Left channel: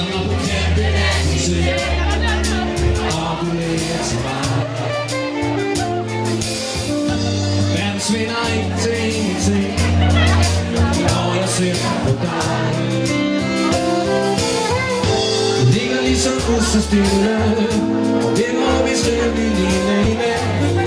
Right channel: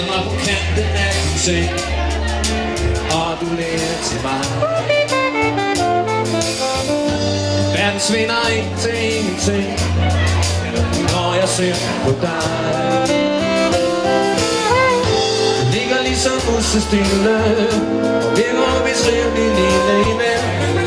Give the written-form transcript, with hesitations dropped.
stiller mig på kanten af din seng, og du lærer til mig. Verden svinder ikke til ingenting, når jeg ser på dig. Det ligger ligesom usestille, det må vi skrive lige imellem.